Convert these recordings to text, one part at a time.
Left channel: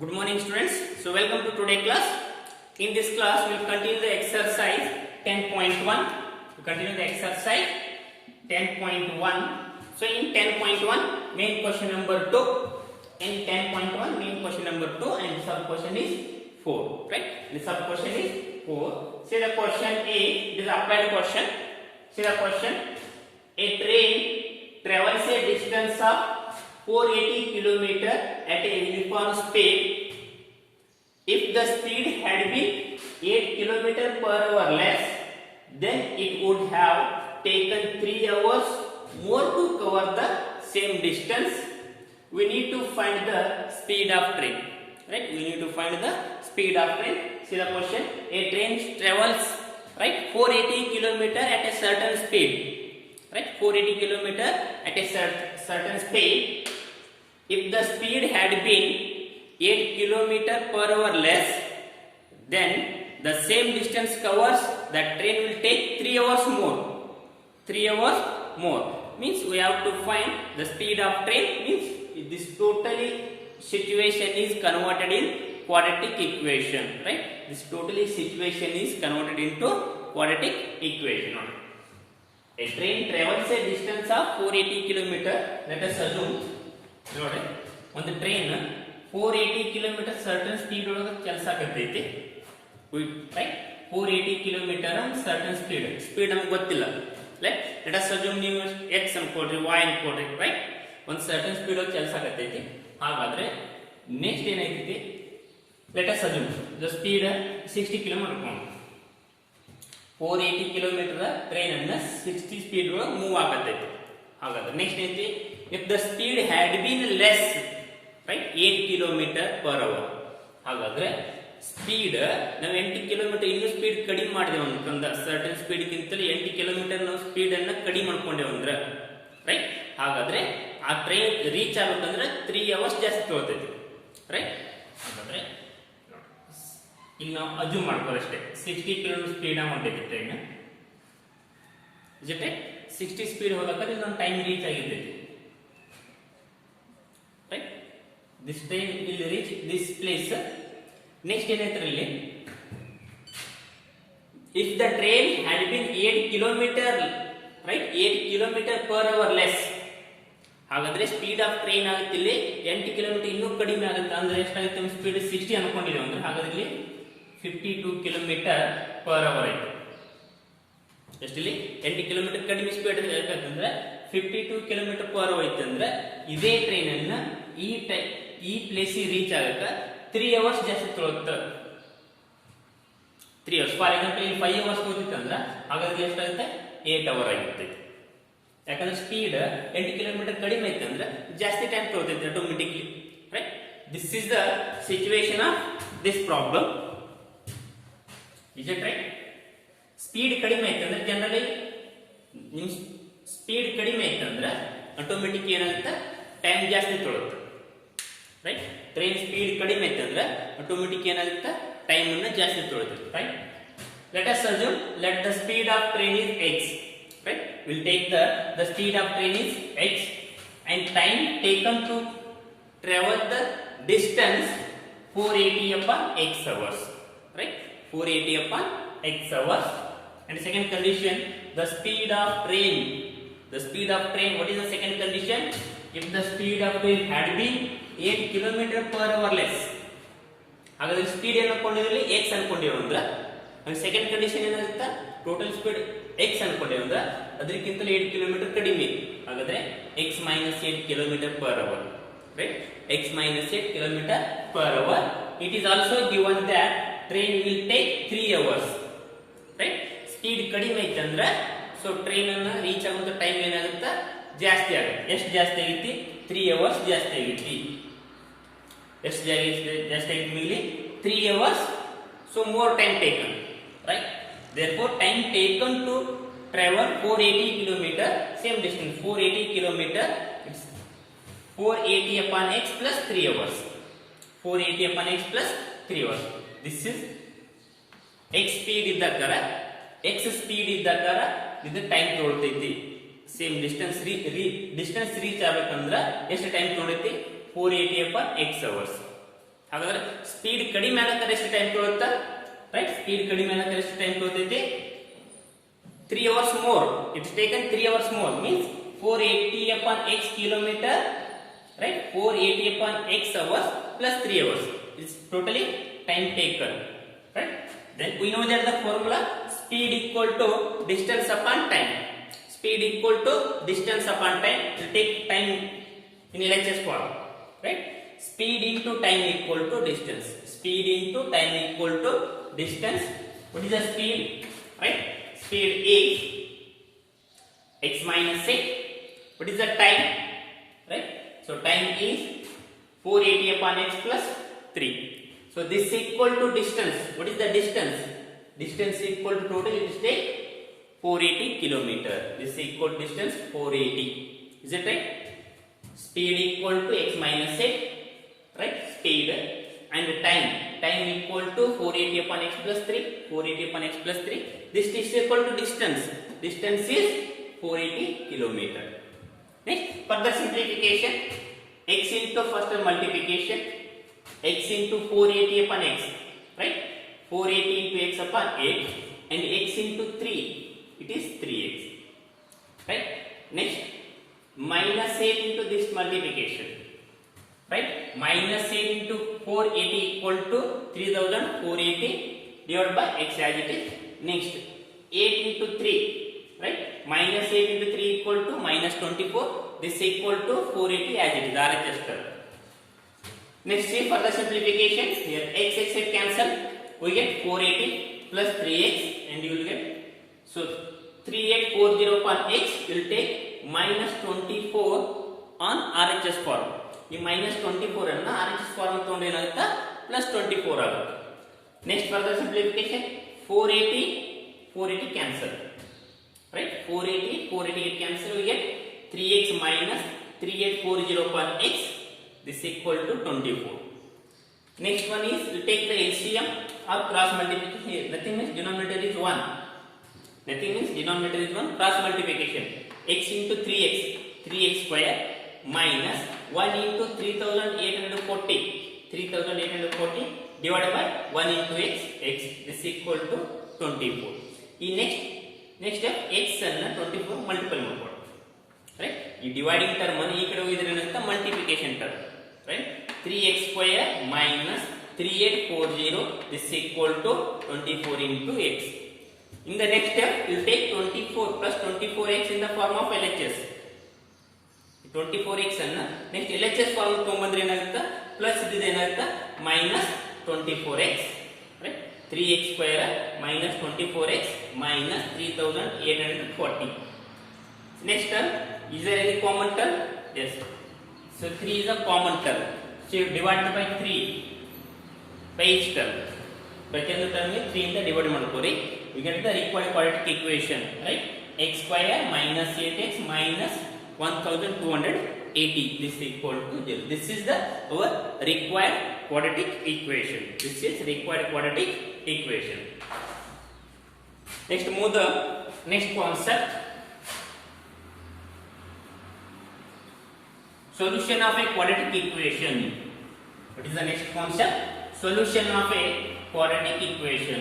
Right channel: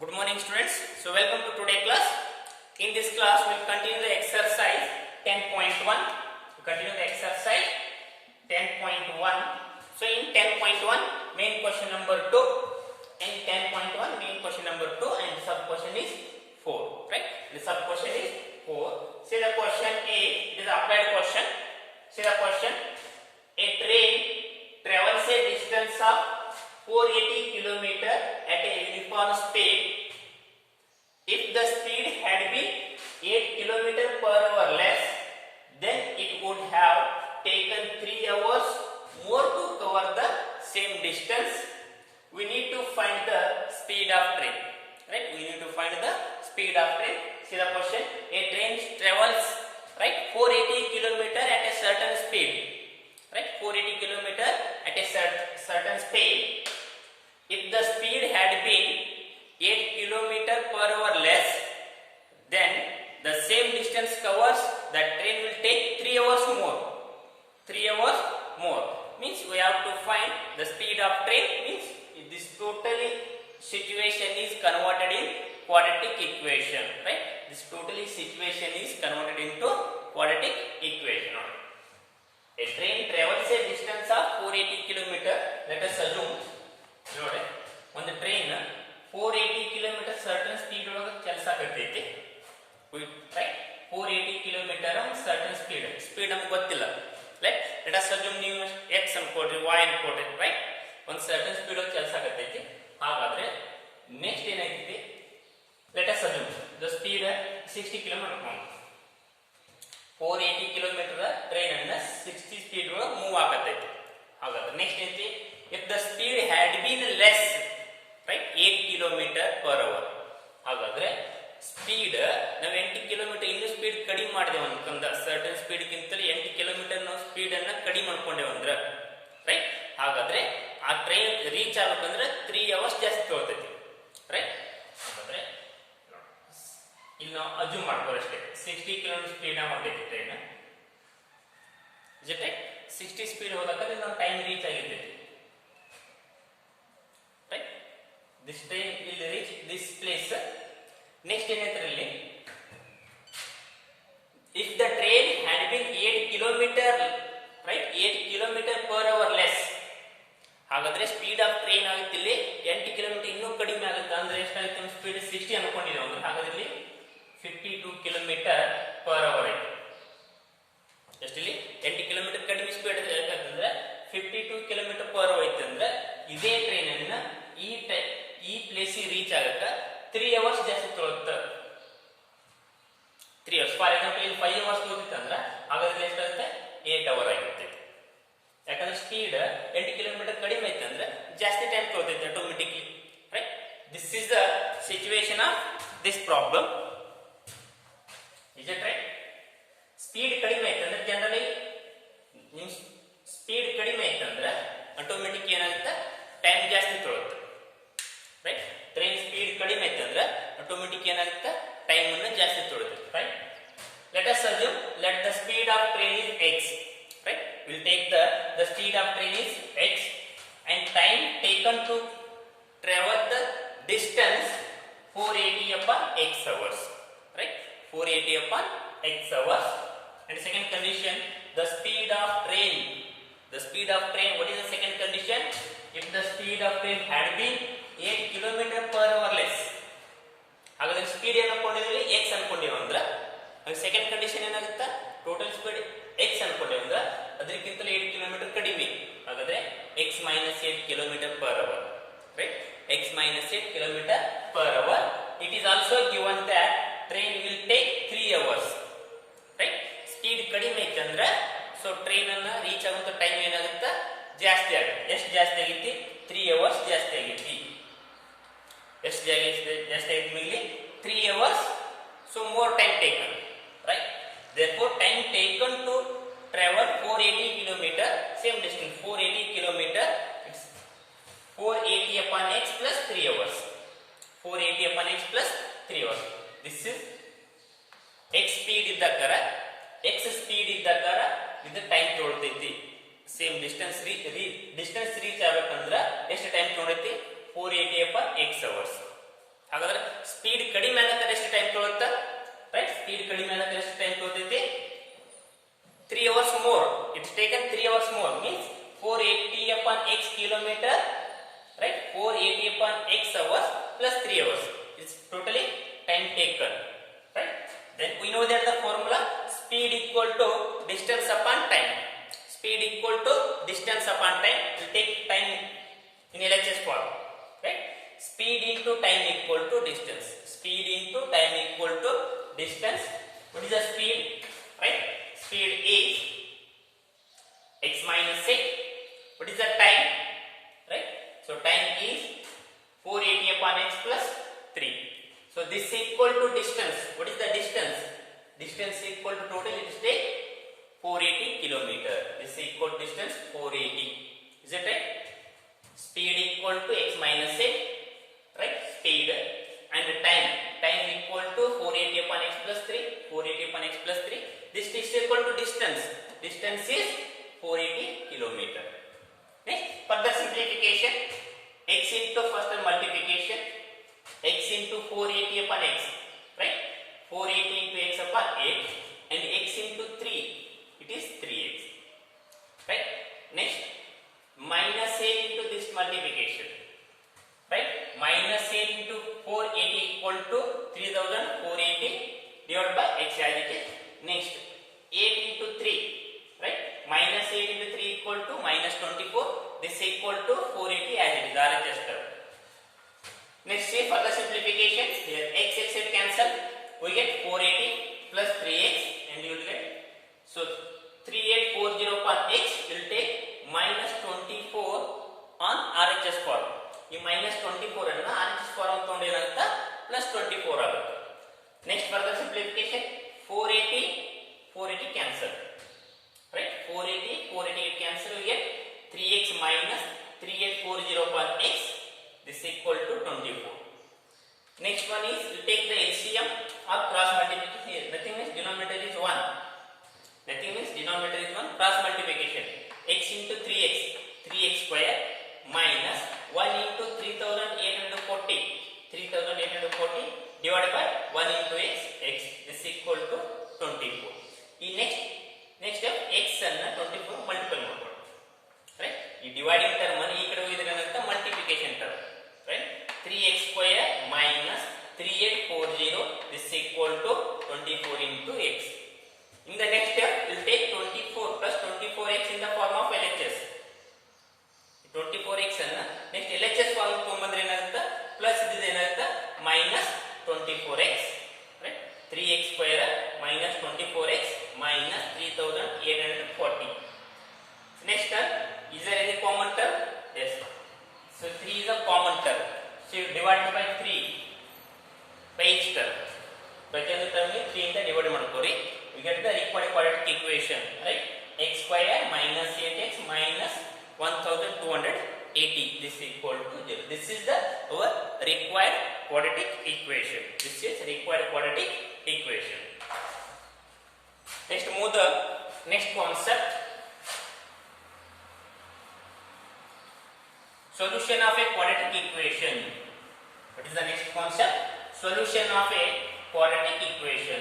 Good morning students. So welcome to today class. In this class we will continue the exercise 10.1. We continue the exercise 10.1. So in 10.1 main question number 2. In 10.1 main question number 2 and the sub question is 4. Right? The sub question is 4. See the question A. It is applied question. See the question. A train travels a distance of 480 km at a uniform speed. If the speed had been 8 km per hour less, then it would have taken 3 hours more to cover the same distance. We need to find the speed of train. Right? We need to find the speed of train. See the question. A train travels 480 km at a certain speed. Right? 480 km at a certain speed. If the speed had been 8 km per hour less, then the same distance covers, that train will take 3 hours more. 3 hours more. Means we have to find the speed of train. Means this totally situation is converted in quadratic equation. Right? This totally situation is converted into quadratic equation. A train travels a distance of 480 km. Let us assume ನೋಡಿ ಒಂದು train 480 km certain speed ಒಳಗೆ ಕೆಲಸ ಆಗತೈತಿ. Right 480 km ಒಂದು certain speed ನಮಗೆ ಗೊತ್ತಿಲ್ಲ. Right let us assume ನೀವು x ಅನ್ಕೊಡ್ರಿ y ಅನ್ಕೊಡ್ರಿ. ರೈಟ್ ಒಂದು ಸರ್ಟನ್ ಸ್ಪೀಡ್ ಒಳಗೆ ಕೆಲಸ ಆಗತೈತಿ. ಹಾಗಾದ್ರೆ ನೆಕ್ಸ್ಟ್ ಏನಾಯ್ತೈತಿ, let us assume the speed 60 km ಅನ್ಕೊಂಡು 480 km ಟ್ರೈನ್ ಅನ್ನ 60 ಸ್ಪೀಡ್ ಒಳಗೆ ಮೂವ್ ಆಗತೈತಿ. ಹಾಗಾದ್ರೆ ನೆಕ್ಸ್ಟ್ ಐತಿ, if the speed had been less, right, 8 km per hour. ಹಾಗಾದ್ರೆ ಸ್ಪೀಡ್ ನಾವು 8 km ಇನ್ನೂ ಸ್ಪೀಡ್ ಕಡಿಮೆ ಮಾಡಿದೆವು ಅಂತಂದ್ರೆ ಸರ್ಟನ್ ಸ್ಪೀಡ್ ಗಿಂತಲೂ 8 km ನಾವು ಸ್ಪೀಡ್ ಅನ್ನ ಕಡಿಮೆ ಮಾಡ್ಕೊಂಡೇವು ಅಂದ್ರೆ ರೈಟ್, ಹಾಗಾದ್ರೆ ಆ ಟ್ರೈನ್ ರೀಚ್ ಆಗ್ಬೇಕಂದ್ರೆ 3 hours ಜಾಸ್ತಿ ತಗೊಳ್ತೈತಿ. ರೈಟ್, ಹಾಗಾದ್ರೆ ಈಗ ನಾವು ಅಜ್ಯೂಮ್ ಮಾಡ್ಕೊಳ್ಳಿ ಅಷ್ಟೇ 60 km ಸ್ಪೀಡ್ ಹೊಂಟೈತಿ ಟ್ರೈನ್. ಜೊತೆ 60 ಸ್ಪೀಡ್ ಹೋಗಕ್ಕೆ ನಾವು ಟೈಮ್ ರೀಚ್ ಆಗಿರ್ತೈತಿ. Right? This train will reach this place. Next ಏನಾಯ್ತರಲ್ಲಿ, if the train had been 8 km, right, 8 km per hour less, ಹಾಗಾದ್ರೆ ಸ್ಪೀಡ್ ಆಫ್ ಟ್ರೈನ್ ಆಗುತ್ತೆ ಇಲ್ಲಿ 8 km ಇನ್ನೂ ಕಡಿಮೆ ಆಗುತ್ತೆ. ಅಂದ್ರೆ ಎಷ್ಟಾಗುತ್ತೆ ನಮ್ಮ ಸ್ಪೀಡ್ 60 ಅನ್ಕೊಂಡಿದ್ದೇವೆ ಅಂದ್ರೆ ಹಾಗಾದ್ರೆ ಇಲ್ಲಿ 52 km per hour ಆಯ್ತು. ಎಷ್ಟಿಲ್ಲಿ 8 km ಕಡಿಮೆ ಸ್ಪೀಡ್ ಯಾಕಂದ್ರೆ 52 km per hour ಐತಂದ್ರೆ ಇದೇ ಟ್ರೈನ್ ಅನ್ನ ಈ ಪ್ಲೇಸ್ ರೀಚ್ ಆಗಕ್ಕ 3 hours ಜಾಸ್ತಿ ತಗೊಳುತ್ತೆ. 3 hours ಫಾರ್ ಎಕ್ಸಾಂಪಲ್ ಇಲ್ಲಿ 5 hours ತಗೊಳ್ತಿತ್ತಂದ್ರ ಹಾಗಾದ್ರೆ ಎಷ್ಟಾಗುತ್ತೆ 8 hour ಆಗಿರುತ್ತೆ. ಯಾಕಂದ್ರೆ ಸ್ಪೀಡ್ 8 km ಕಡಿಮೆ ಐತಂದ್ರೆ ಜಾಸ್ತಿ ಟೈಮ್ ತಗೊಳ್ತೈತೆ automatically. Right, this is the situation of this problem. Is it right? Speed ಕಡಿಮೆ ಐತಂದ್ರೆ ಜನರಲಿ ನಿಮ್ ಸ್ಪೀಡ್ ಕಡಿಮೆ ಐತಂದ್ರೆ ಆಟೋಮೆಟಿಕ್ ಏನಾಗುತ್ತೆ ಟೈಮ್ ಜಾಸ್ತಿ ತಗೊಳುತ್ತೆ. ರೈಟ್, ಟ್ರೈನ್ ಸ್ಪೀಡ್ ಕಡಿಮೆ ಐತಂದ್ರೆ ಆಟೋಮೆಟಿಕ್ ಏನಾಗುತ್ತೆ ಟೈಮ್ ಅನ್ನು ಜಾಸ್ತಿ ತಗೊಳುತ್ತೆ. Right, let us assume let the speed of train is x. Right, will take the speed of train is x and time taken to travel the distance 480 upon x hours. Right, 480 upon x hours. And second condition, the speed of train. The speed of train, what is the second condition? If the speed of train had been 8 km per hour less. ಹಾಗಾದ್ರೆ speed ಏನು ಅನ್ಕೊಂಡಿದ್ರಿ x ಅನ್ಕೊಂಡಿರೋ ಅಂದ್ರೆ second condition ಏನಾಗುತ್ತೆ, total speed x ಅನ್ಕೊಂಡಿರೋ ಅಂದ್ರೆ ಅದಕ್ಕಿಂತಲೂ 8 km ಕಡಿಮೆ. ಹಾಗಾದ್ರೆ x minus 8 km per hour. Right, x minus 8 km per hour. It is also given that train will take 3 hours. Right, speed ಕಡಿಮೆ ಐತಂದ್ರೆ so train ಅನ್ನ reach ಆಗುವಂತ time ಏನಾಗುತ್ತೆ ಜಾಸ್ತಿ ಆಗುತ್ತೆ. ಎಷ್ಟು ಜಾಸ್ತಿ ಆಗೈತಿ 3 hours ಜಾಸ್ತಿ ಆಗೈತಿ. ಎಷ್ಟು ಜಾಸ್ತಿ ಆಗೈತಿ ಇಲ್ಲಿ 3 hours. So more time taken. Right, therefore time taken to travel 480 km, same distance 480 km, it's 480 upon x plus 3 hours. 480 upon x plus 3 hours. This is x speed ಇದ್ದಕ್ಕಾರ x ಸ್ಪೀಡ್ ಇದ್ದಕ್ಕಾರ ಇದು time ತಗೊಳ್ತೈತಿ. Same distance reach ಆಗಬೇಕಂದ್ರೆ ಎಷ್ಟು time ತಗೊಳೈತಿ 480 upon x hours. ಹಾಗಾದ್ರೆ speed ಕಡಿಮೆ ಆಗಕ್ಕೆ ಎಷ್ಟು ಟೈಮ್ ತಗೊಳುತ್ತಾ? ರೈಟ್, ಸ್ಪೀಡ್ ಕಡಿಮೆ ಆಗಕ್ಕೆ ಎಷ್ಟು time ತಗೊಳ್ತೈತಿ? 3 hours more. It's taken 3 hours more, means 480 upon x kilometer, right? 480 upon x hours plus 3 hours. It's totally time taken, right? Then we know that the formula speed equal to distance upon time. Speed equal to distance upon time. Will take time in LHS form, right? Speed into time equal to distance. Speed into time equal to distance. What is the speed? Right? Speed is x minus x. What is the time? Right? So time is 480 upon x plus 3. So this is equal to distance. What is the distance? Distance equal to total, it is take 480 kilometer. This is equal to distance 480. Is it right? Speed equal to x minus x. Right? Speed and time. Time equal to 480 upon x plus 3. 480 upon x plus 3. This is equal to distance. Distance is 480 kilometer. Next, further simplification. X into first multiplication. X into 480 upon x. Right? 480 into x upon 8. And x into 3. It is 3x. Right? Next, minus 8 into this multiplication. Right? Minus 8 into 480 equal to 3480 divided by x as it is. Next, 8 into 3. Right? Minus 8 into 3 equal to minus 24. This is equal to 480 as it is. RHS term. Next, see further simplification. Here x cancel. We get 480 plus 3x and you will get. So 3840 upon x will take minus 24 on RHS form. ಈ minus 24 ಅನ್ನು RHS form ತಗೊಂಡು ಏನಾಗುತ್ತಾ plus 24 ಆಗುತ್ತೆ. Next further simplification 480 cancel, right? 480 get cancel, we get 3x minus 3840 upon x. This is equal to 24. Next one is you take the LCM or cross multiplication. Here nothing means denominator is 1. Nothing means denominator is 1. Cross multiplication. X into 3x square minus 1 into 3840 divided by 1 into x. This is equal to 24. ಈ next step x ಅನ್ನು 24 multiple ಮಾಡ್ಕೊಳ್ಳಿ. Right, ಈ dividing term ಅನ್ನು ಈ ಕಡೆ ಹೋಗಿದ್ರೆ ಏನಂತ multiplication term. Right, 3x square minus 3840 this is equal to 24 into x. In the next step you will take 24 plus 24x in the form of LHS. 24x ಅನ್ನ next LHS form ತಗೊಂಡ್ಬಂದ್ರೆ ಏನಾಗುತ್ತೆ plus ಇದು ಏನಾಗುತ್ತೆ minus 24x. Right, 3x square minus 24x minus 3840. Next term, is there any common term? Yes. So 3 is a common term. So you divide by 3 by each term. ಪ್ರತಿಯೊಂದು term 3 ಇಂದ divide ಮಾಡ್ಕೋರಿ. You get the required quadratic equation, right? X square minus 8x minus 1280. This is equal to 0. This is the our required quadratic equation. This is required quadratic equation. Next, move the next concept. Solution of a quadratic equation. What is the next concept? Solution of a quadratic equation.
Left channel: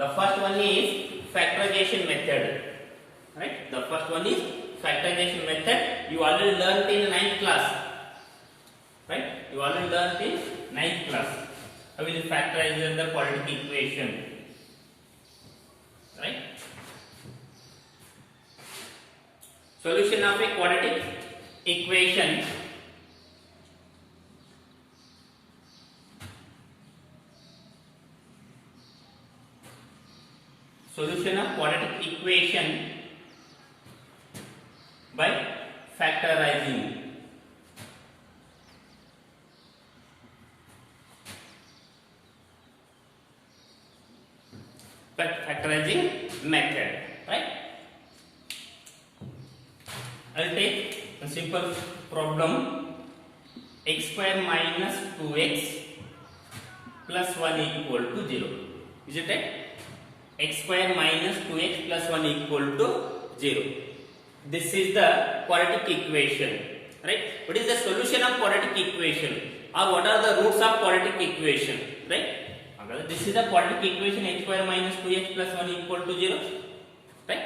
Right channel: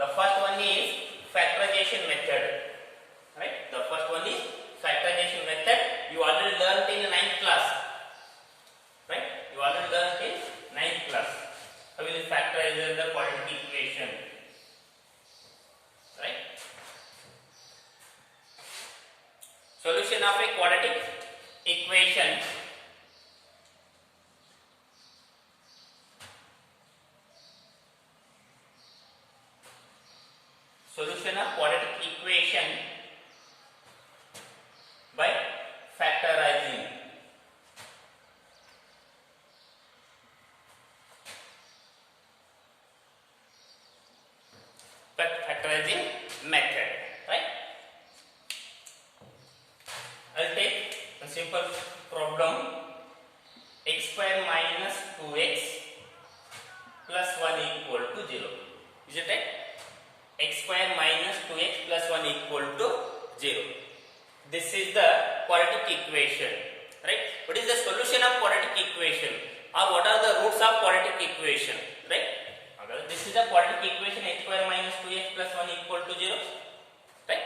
The first one is factorization method. Right? The first one is factorization method. You already learned in 9th class. Right? You already learned in 9th class. How will you factorize the quadratic equation? Right? Solution of a quadratic equation. Solution of quadratic equation by factorizing. Factorizing method, right? I'll take a simple problem. X square minus 2x plus 1 equal to 0. Is it right? X square minus 2x plus 1 equal to 0. This is the quadratic equation, right? What is the solution of quadratic equation? or what are the roots of quadratic equation, right? This is the quadratic equation x square minus 2x plus 1 equal to 0, right?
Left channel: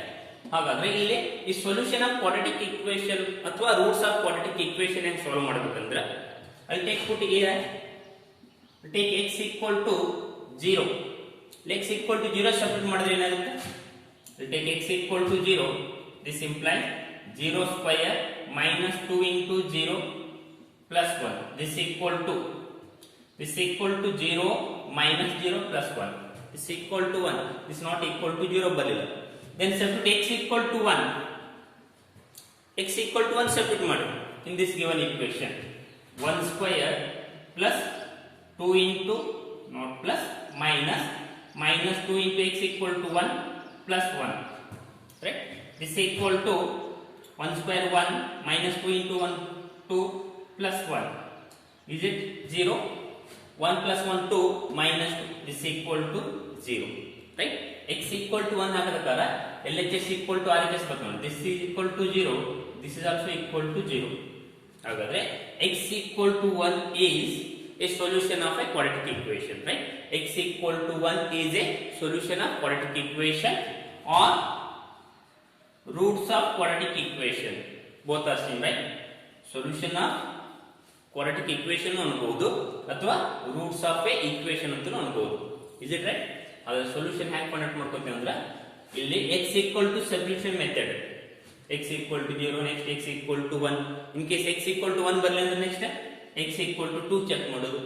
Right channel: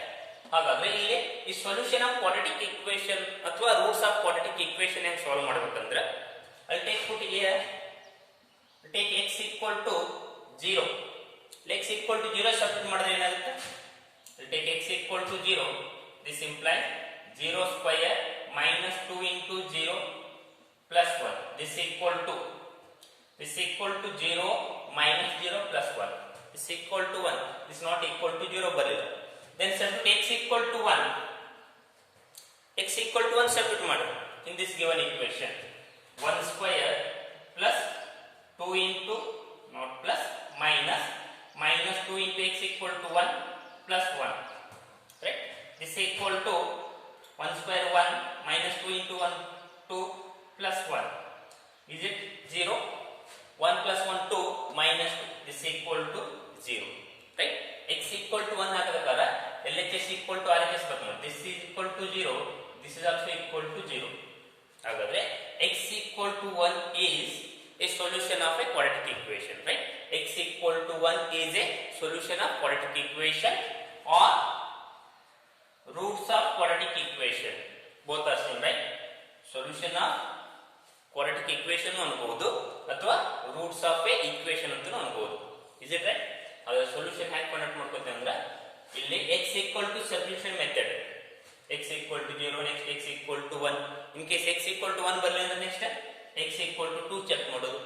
ಹಾಗಾದ್ರೆ ಇಲ್ಲಿ ಈ solution of quadratic equation ಅಥವಾ roots of quadratic equation ಹೆಂಗ್ solve ಮಾಡಬೇಕಂದ್ರೆ ಅಲ್ಲಿ take x equal to 0. x equal to 0 substitute ಮಾಡಿದ್ರೆ ಏನಾಗುತ್ತೆ? ಅಲ್ಲಿ take x equal to 0. This implies 0 square minus 2 into 0 plus 1. This equal to 0 minus 0 plus 1. This equal to 1. This not equal to 0 ಬರಲಿಲ್ಲ. Then substitute x equal to 1. X equal to 1 substitute ಮಾಡಿ in this given equation. 1 square plus 2 into not plus minus 2 into x equal to 1 plus 1. Right? This equal to 1 square 1 minus 2 into 1 2 plus 1. Is it 0? 1 plus 1 2 minus 2. This equal to 0. Right? X equal to 1 ಆಗಬೇಕಾದ್ರೆ LHS equal to RHS ಬರ್ತದೆ. This is equal to 0. This is also equal to 0. ಹಾಗಾದ್ರೆ x equal to 1 is a solution of a quadratic equation, right? X equal to 1 is a solution of quadratic equation or roots of quadratic equation. Both are same, right? Solution of quadratic equation ಅನ್ಬಹುದು ಅಥವಾ roots of a equation ಅಂತ ಅನ್ಬಹುದು. Is it right? ಅದರ solution ಹ್ಯಾಂಗ್ conduct ಮಾಡ್ಕೊತೀವಿ ಅಂದ್ರೆ ಇಲ್ಲಿ x equal to substitution method. x equal to 0 next x equal to 1. In case x equal to 1 ಬರಲಿಲ್ಲ ಅಂದ್ರೆ next x equal to 2 check ಮಾಡೋದು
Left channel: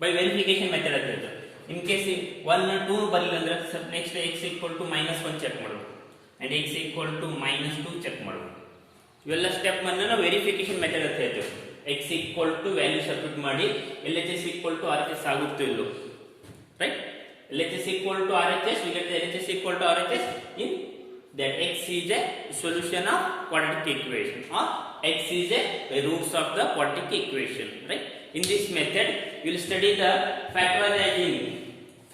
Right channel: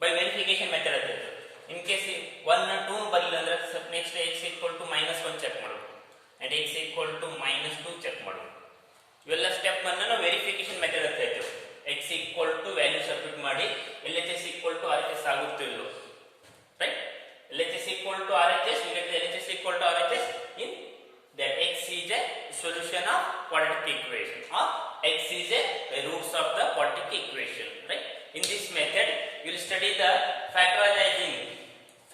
by verification method ಅಂತ. ಇನ್ ಕೇಸ್ 1 2 ಬರಲಿಲ್ಲ ಅಂದ್ರೆ next x equal to -1 check ಮಾಡೋದು and x equal to -2 check ಮಾಡೋದು. ಇವೆಲ್ಲ step ಅನ್ನು ನಾವು ವೆರಿಫಿಕೇಶನ್ ಮೆಥಡ್ ಅಂತ ಹೇಳ್ತೇವೆ. x equal to value substitute ಮಾಡಿ LHS equal to RHS ಆಗುತ್ತೋ ಇಲ್ಲೋ, right? LHS equal to RHS, we get the LHS equal to RHS in that x is a solution of quadratic equation or x is a roots of the quadratic equation, right? In this method you will study the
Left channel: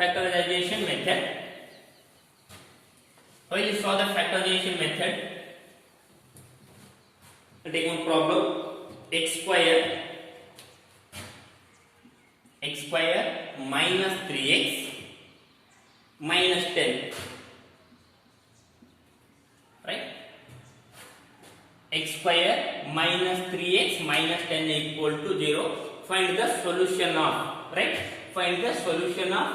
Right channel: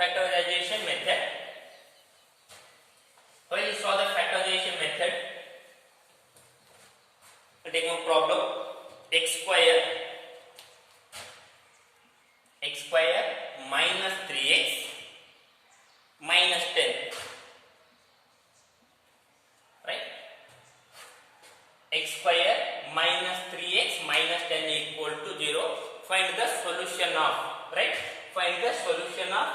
factorization method. When you saw the factorization method, take one problem. x square minus 3x minus 10, right? X square minus 3x minus 10 equal to 0. Find the solution of, right? Find the solution of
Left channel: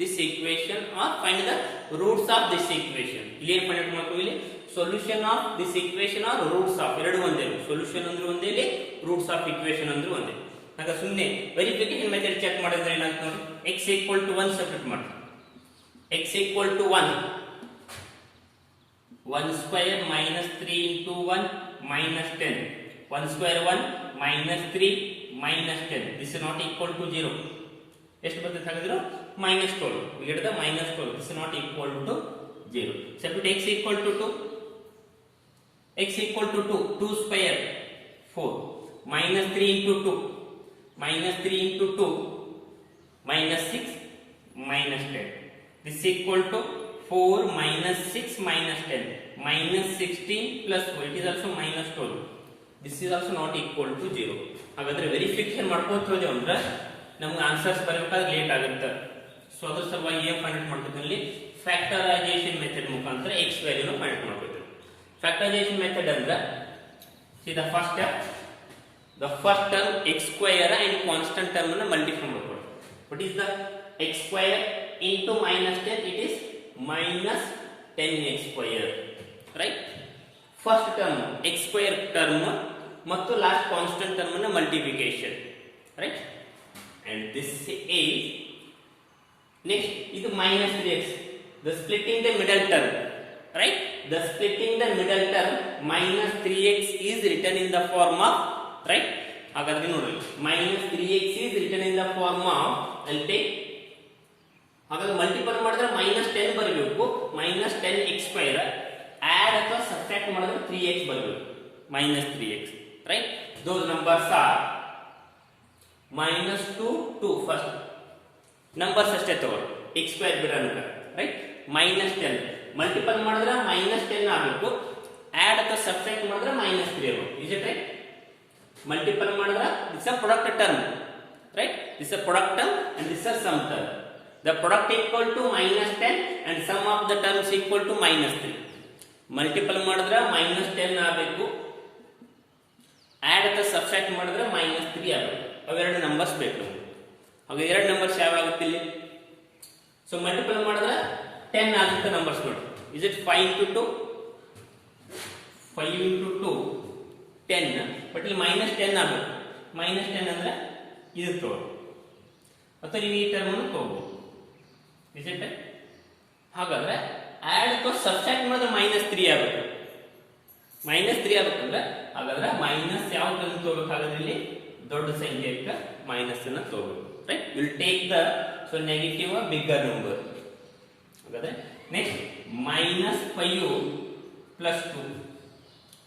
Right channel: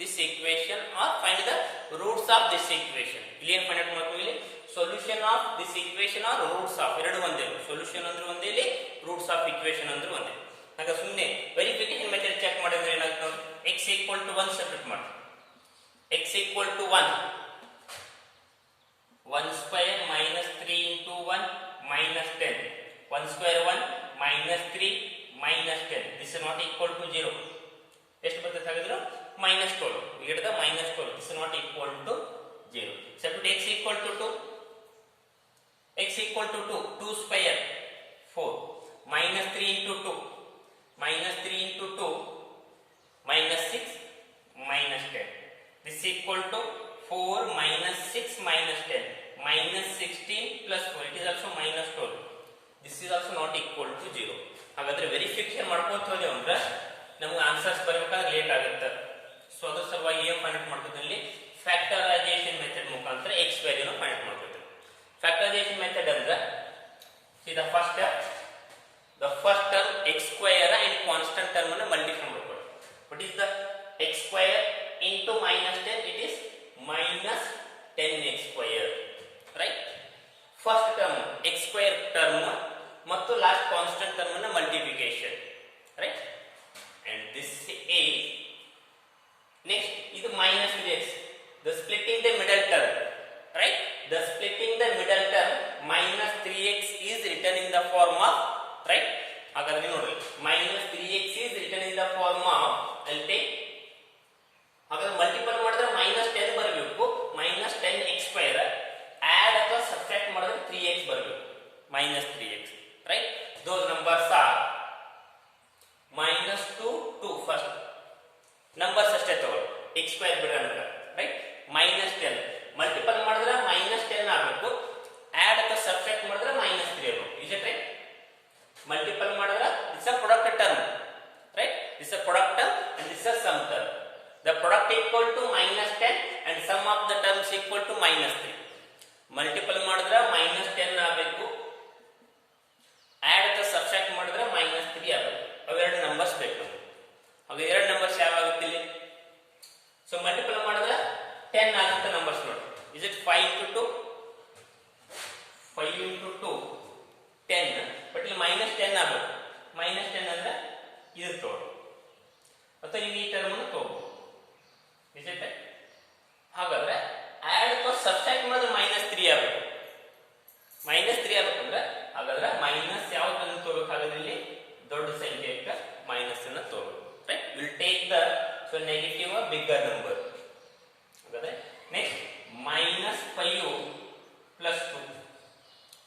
this equation or find the roots of this equation. ಇಲ್ಲಿ ಏನು find ಮಾಡ್ತೀವಿ? ಇಲ್ಲಿ solution of this equation or roots of ಎರಡು ಒಂದೇ. solution ಅಂದ್ರೆ ಒಂದೇ, ಇಲ್ಲಿ roots of equation ಅಂದ್ರೆ ಒಂದೇ. ಆಗ ಸುಮ್ಮನೆ ವೆರಿಫಿಕೇಶನ್ ಮೆಥಡ್ ಚೆಕ್ ಮಾಡಿದ್ರೆ ಏನಾಗ್ತದೆ ನೋಡಿ, x equal to 1 ಸಬ್ಸ್ಟಿಟ್ಯೂಟ್ ಮಾಡಿ. x equal to 1 square minus 3 into 1 minus 10. 1 square 1 minus 3 minus 10. This is not equal to 0. ಎಷ್ಟು ಬರ್ತದೆ ಹಾಗಾದ್ರೆ -12. We get the -12. This is not equal to 0. Substitute x equal to 2. X equal to 2. 2 square 4 minus 3 into 2 minus 3 into 2 minus 6 minus 10. This is equal to 4 minus 6 minus 10 minus 16 plus 4. It is also minus 12. This is also not equal to 0. ಹಾಗಾದ್ರೆ verification ಮಾಡ್ಕೋತ ಹೋದ್ರೆ ಅಂದ್ರೆ ನಮಗೆ answers ಬರಬೇಕಾದ್ರೆ late ಆಗುತ್ತೆ. So ಅದ್ರ ಸಲುವಾಗಿ ಏನು ಫೈಂಡ್ ಮಾಡ್ಕೋತೀವಿ? ಫ್ಯಾಕ್ಟರೈಸೇಷನ್ ಮೆಥಡ್ ಮುಖಾಂತರ x ವ್ಯಾಲ್ಯೂನ ಫೈಂಡ್ ಮಾಡ್ಕೋತೀವಿ. ಫ್ಯಾಕ್ಟರೈಸೇಷನ್ ಮೆಥಡ್ ಅಂದ್ರೆ see the first step, the first term x square and constant term ಅನ್ನು ಮಲ್ಟಿಪ್ಲೈ ಮಾಡ್ಕೊಳ್ಳಿ. What is the x square into minus 10? It is minus 10x square, right? First term x square term ಮತ್ತು last constant term ನ multiplication, right? and this is next ಇದು minus 3x, the splitting the middle term, right? The splitting the middle term minus 3x is written in the form of, right? ಹಾಗಾದ್ರೆ ನೋಡಿ minus 3x is written in the form of, I'll take, ಹಾಗಾದ್ರೆ multiple ಮಾಡಿದ್ರೆ -10 ಬರಬೇಕು, -10x square, add ಅಥವಾ subtract ಮಾಡಿದ್ರೆ 3x ಬರಬೇಕು, -3x, right? Those numbers are -2 2 first numbers ಅಷ್ಟೇ ತಗೊಳ್ಳಿ, x ಸ್ಕ್ವೇರ್ ಬಿಡೋಣ, ರೈಟ್? -10 ಮಲ್ಟಿಪಲ್ ಮಾಡಿದ್ರೆ -10 ಆಗಬೇಕು, ಆಡ್ ಅಥವಾ ಸಬ್ಟ್ರಾಕ್ಟ್ ಮಾಡಿದ್ರೆ -3 ಆಗಬೇಕು. Is it right? ಮಲ್ಟಿಪಲ್ ಮಾಡಿದ್ರೆ it's a product term, right? This is a product term and this is a sum term. The product equal to minus 10 and sum of the terms equal to minus 3. Multiple ಮಾಡಿದ್ರೆ minus 10 ಆಗಬೇಕು, add ಅಥವಾ subtract ಮಾಡಿದ್ರೆ minus 3 ಆಗಬೇಕು. ಅವೆರಡು numbers ಬೇಕು ನಮಗೆ. ಹಾಗೆ ಎರಡು ನಂಬರ್ಸ್ ಯಾವ ಆಗುತ್ತೆ ಇಲ್ಲಿ? ಸೊ ಮಲ್ಟಿಪಲ್ ಮಾಡಿದ್ರೆ 10 ಆಗುತ್ತೆ ನಂಬರ್ಸ್ ನೋಡಿ. Is it 5 to 2? 5 into 2 10, but ಇಲ್ಲಿ minus 10 ಆಗಬೇಕು. minus 10 ಅಂದ್ರೆ ಇದು ತಗೊಳ್ಳಿ, ಅಥವಾ ನೀವು ಈ ಟರ್ಮ್ ಅನ್ನು ತಗೋಬಹುದು. Is it? ಹಾಗಾದ್ರೆ ಆಡ್ ಅಥವಾ ಸಬ್ಸ್ಟ್ರಾಕ್ಟ್ ಮಾಡಿದ್ರೆ minus 3 ಆಗಬೇಕು. minus 3 ಆಗಬೇಕಂದ್ರೆ ಹಾಗಾದ್ರೆ ಮೈನಸ್ ಯಾವ ಟರ್ಮ್ ತಗೋಬೇಕು? ಹಾಗಾದ್ರೆ ಇಲ್ಲಿ ದೊಡ್ಡ ಸಂಖ್ಯೆಗೆ ಮೈನಸ್ ಅನ್ನು ತಗೋಬೇಕು, right? Will take the so negative bigger number. ಹಾಗಾದ್ರೆ next -5 plus 2,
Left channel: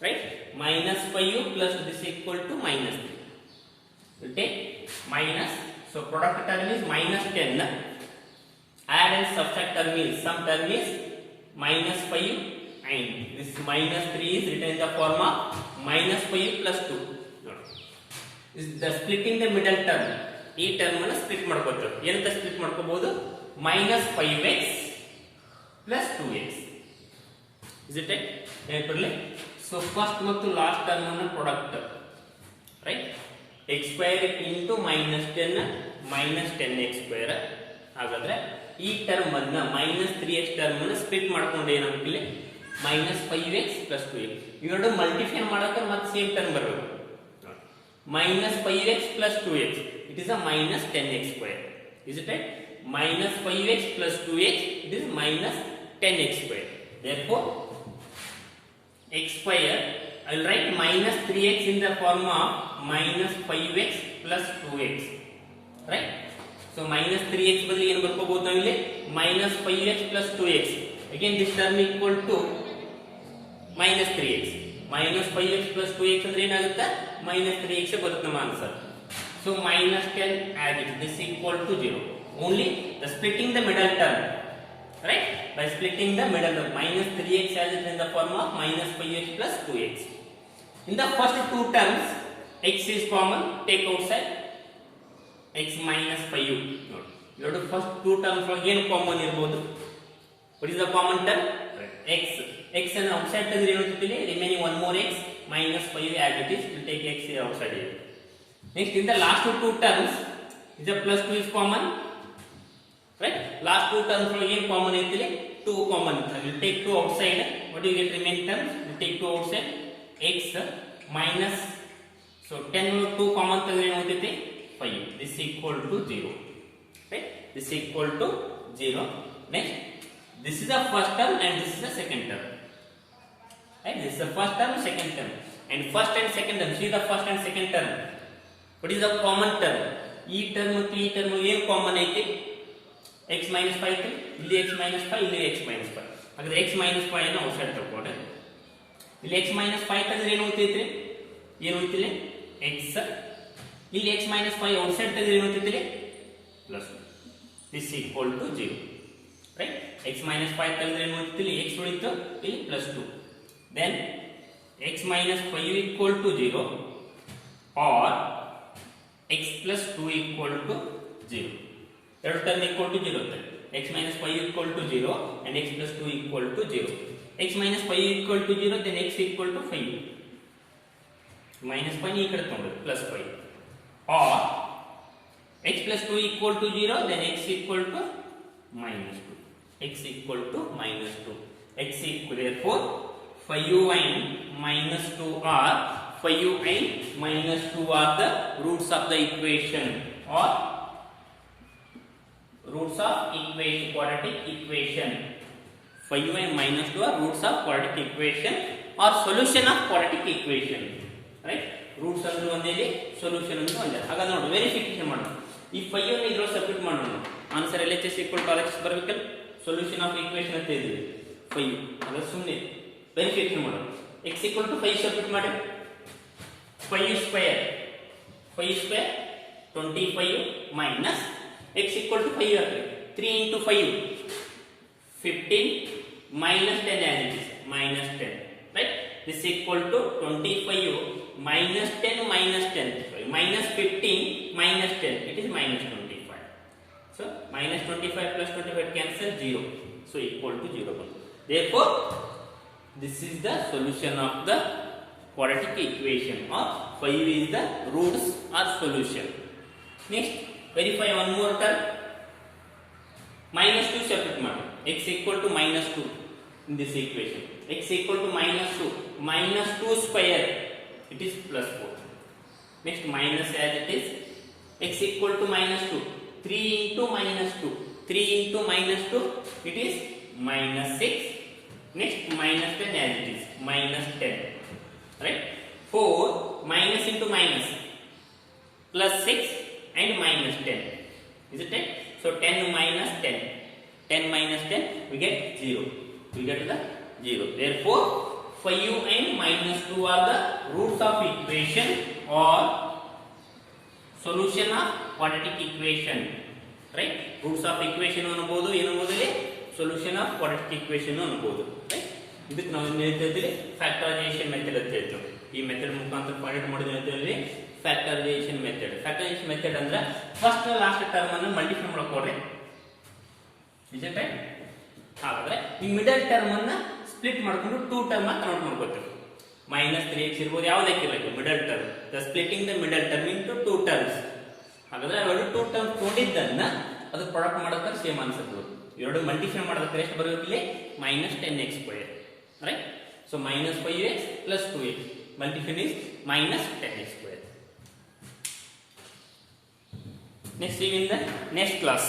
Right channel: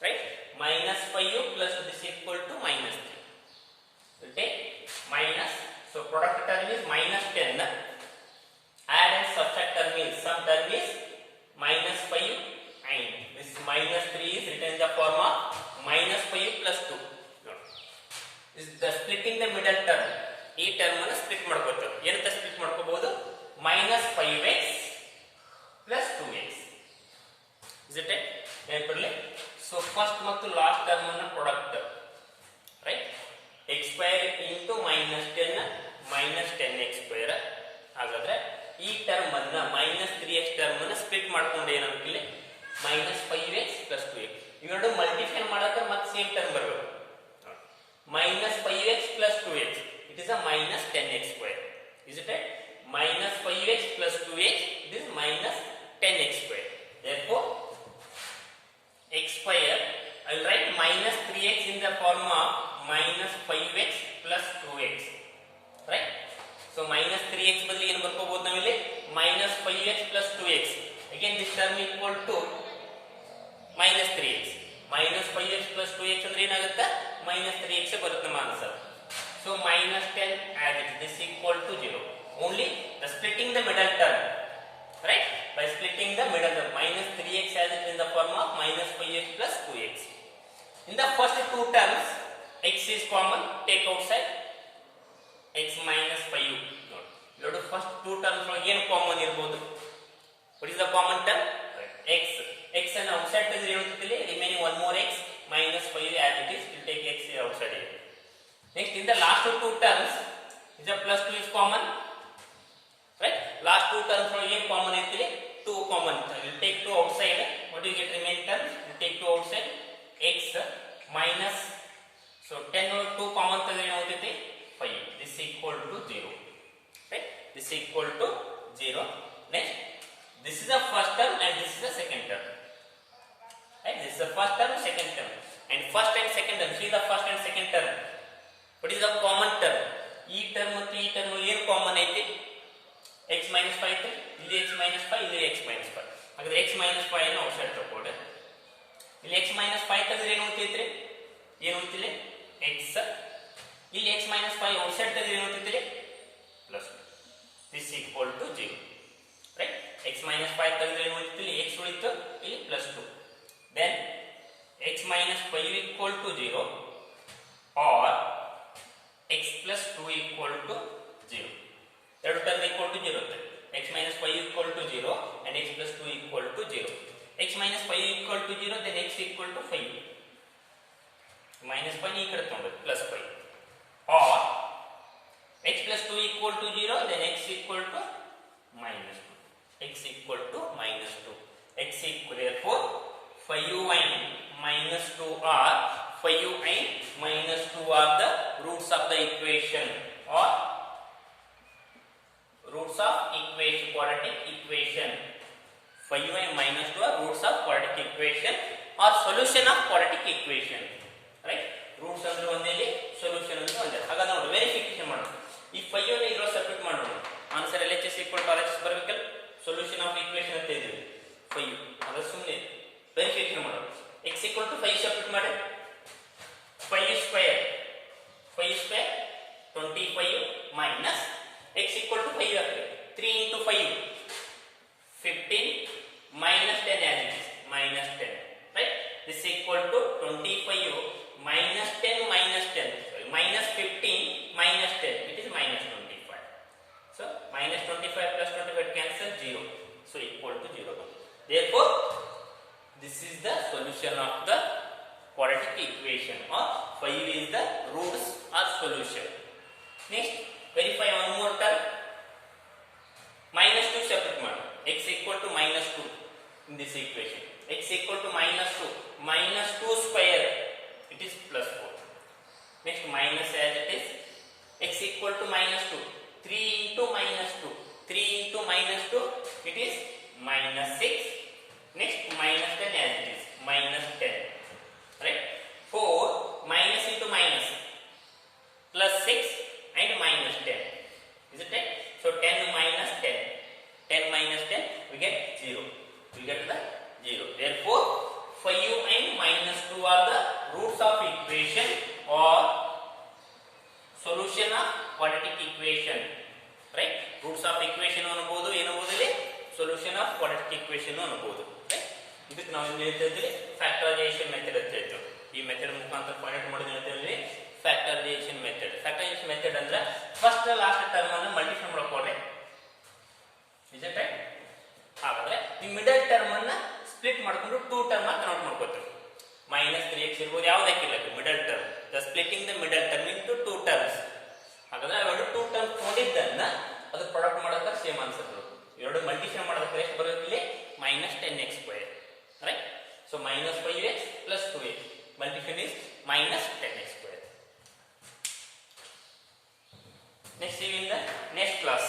right? -5 plus this equal to -3. We'll take minus, so product term is -10. Add and subtract term is, some term is -5 and this -3 is written in the form of -5 plus 2. This is the splitting the middle term. ಈ term ಅನ್ನು split ಮಾಡ್ಕೊತೀವಿ. ಏನಂತ split ಮಾಡ್ಕೋಬಹುದು? -5x plus 2x. Is it right? ನೆನಪಿರಲಿ. So first ಮತ್ತು last term ಅನ್ನು product, right? x square into -10 -10x square. ಹಾಗಾದ್ರೆ ಈ ಟರ್ಮ್ ಅನ್ನ -3x ಟರ್ಮ್ ಅನ್ನು ಸ್ಪ್ಲಿಟ್ ಮಾಡ್ಕೊಂಡು ಏನಾಗುತ್ತೆ ಇಲ್ಲಿ? -5x plus 2x. ಇವೆರಡು ಮಲ್ಟಿಫೈ ಮಾಡಕ್ಕೆ ಮತ್ತೆ ಸೇಮ್ ಟರ್ಮ್ ಬರಬೇಕು. -5x plus 2x, it is a -10x square. Is it right? -5x plus 2x, it is -10x square. Therefore x square, I will write -3x in the form of -5x plus 2x, right? So -3x ಬದಲು ಏನು ಬರ್ಕೋಬಹುದು ನಾವು ಇಲ್ಲಿ? -5x plus 2x. Again this term equal to -3x. -5x plus 2x ಅಂದ್ರೆ ಏನಾಗುತ್ತೆ? -3x ಬರುತ್ತೆ ನಮ್ಮ answer. So -10 as it is, this equal to 0. Only the splitting the middle term, right? By splitting the middle term, -3x as it is in the form of -5x plus 2x. In the first two terms, x is common, take outside x minus 5. Note, ಎರಡು first two terms ಒಳಗೆ ಏನು common ಇರಬಹುದು? What is the common term? x. x ಅನ್ನು outside ತೆಗೆದ್ರೆ ಏನಾಗುತ್ತೆ? Remaining one more x -5 as it is, will take x outside here. Next, in the last two terms, is the plus 2 is common, right? Last two terms ಒಳಗೆ ಏನು common ಇರ್ತದೆ? 2 common. Will take 2 outside. What do you get remaining terms? Will take 2 outside. x minus, so 10 2 common ತೆಗೆದ್ರೆ ಏನಾಗುತ್ತೆ? 5. This equal to 0, right? This equal to 0. Next, this is the first term and this is the second term, right? This is the first term, second term, and first and second term. See the first and second term. What is the common term? ಈ term ಮತ್ತು ಈ term ಏನು common ಐತಿ? x minus 5 ಇಲ್ಲಿ x minus 5 ಇಲ್ಲಿ x minus 5. ಹಾಗಾದ್ರೆ x minus 5 ಅನ್ನು outside ತಗೊಂಡ್ರೆ ಇಲ್ಲಿ x minus 5 ತೆಗೆದ್ರೆ ಏನು ಉಳಿತೈತ್ರಿ? ಏನು ಉಳಿತಿದೆ? x. ಇಲ್ಲಿ x minus 5 ಔಟ್ಸೈಡ್ ತೆಗೆದ್ರೆ ಏನು ಉಳಿತೈತ್ರಿ? Plus. This equal to 0, right? x minus 5 ತೆಗೆದ್ರೆ ಏನು ಉಳಿತೈತಿ? ಇಲ್ಲಿ x ಉಳಿತು, ಇಲ್ಲಿ plus 2. Then x minus 5 equal to 0 or x plus 2 equal to 0. ಎರಡು term equal to 0 x minus 5 equal to 0 and x plus 2 equal to 0. x minus 5 equal to 0, then x equal to 5. -5 ಈ ಕಡೆ ತಗೊಂಡು plus 5. Or x plus 2 equal to 0, then x equal to -2. x equal to -2. x equal, therefore 5u and -2 are 5u and -2 are the roots of the equation, or roots of equation, quadratic equation. 5u and -2 are roots of quadratic equation or solution of quadratic equation, right? Roots ಅಂದ್ರೆ ಒಂದೇ, solution ಅಂದ್ರೆ ಒಂದೇ. ಹಾಗಾದ್ರೆ ನೋಡಿ verification ಮಾಡೋಣ. ಈ 5 ಅನ್ನು ಇದರೊಳಗೆ ಸಬ್ಸ್ಟಿಟ್ಯೂಟ್ ಮಾಡೋಣ. Answer LHS equal to RHS ಬರಬೇಕಲ್ಲ? ಸೊಲ್ಯೂಷನ್ ಆಫ್ ಈಕ್ವೇಷನ್ ಅಂತ ಇದ್ವಿ 5. ಅದ ಸುಮ್ಮನೆ ವೆರಿಫಿಕೇಶನ್ ಮಾಡೋಣ. x equal to 5 ಸಬ್ಸ್ಟಿಟ್ಯೂಟ್ ಮಾಡಿ. 5 square 25 minus x equal to 5 ಆಗ್ತದೆ. 3 into 5 15 minus 10 as it is, -10, right? This equal to 25 minus 10 minus 10, sorry, minus 15 minus 10, it is minus 25. So minus 25 plus 25 cancel 0. So equal to 0. Therefore, this is the solution of the quadratic equation, or 5 is the roots or solution. Next, verify one more term. Minus 2 separate matter. X equal to minus 2 in this equation. X equal to minus 2. Minus 2 square, it is plus 4. Next, minus as it is. X equal to minus 2. 3 into minus 2. 3 into minus 2, it is minus 6. Next, minus 10 as it is. Minus 10. Right? 4 minus into minus. Plus 6 and minus 10. Is it right? So 10 minus 10. 10 minus 10, we get 0. We get the 0. Therefore, 5 and minus 2 are the roots of equation or solution of quadratic equation. Right? Roots of equation ಅನ್ನಬಹುದು, ಏನಬಹುದು, solution of quadratic equation ಅನ್ನಬಹುದು. Right? ಇದಕ್ಕೆ ನಾವು ಏನು ಹೇಳ್ತಿದ್ವಿ, factorisation method ಅಂತ ಹೇಳ್ತೀವಿ. ಈ method ಮುಖಾಂತರ find ಮಾಡೋದು ಹೇಳ್ತೀವಿ ಫ್ಯಾಕ್ಟರೈಸೇಷನ್ ಮೆಥಡ್. ಫ್ಯಾಕ್ಟರೈಸೇಷನ್ ಮೆಥಡ್ ಅಂದ್ರೆ ಫಸ್ಟ್ ಲಾಸ್ಟ್ ಟರ್ಮ್ ಅನ್ನು ಮಲ್ಟಿಪ್ಲೈ ಮಾಡ್ಕೊಡ್ರಿ. Is it right? ಹಾಗಾದ್ರೆ ಈ ಮಿಡಲ್ ಟರ್ಮ್ ಅನ್ನ ಸ್ಪ್ಲಿಟ್ ಮಾಡ್ಕೊಂಡು 2 ಟರ್ಮ್ ಆಗಿ ಕನ್ವರ್ಟ್ ಮಾಡ್ಕೊತೀವಿ. ಮೈನಸ್ 3x ಇರ್ಬೋದು, ಯಾವುದಕ್ಕೆ ಇರಲಿ middle term. The splitting the middle term into 2 terms. ಹಾಗಾದ್ರೆ ಅವೆರಡು 2 ಟರ್ಮ್ ತೊಗೊಂಡಿದ್ದನ್ನ ಅದು ಪ್ರಾಡಕ್ಟ್ ಮಾಡೋಕೆ ಸೇಮ್ ಆನ್ಸರ್. ಎರಡು ಮಲ್ಟಿಪ್ಲೈ ಮಾಡೋದಕ್ಕೆ ಎಷ್ಟು ಬರುತ್ತೆ ಇಲ್ಲಿ? minus 10x square. Right? So minus 5x plus 2x. Multiplication is minus 10x square. Next, see you in the next class.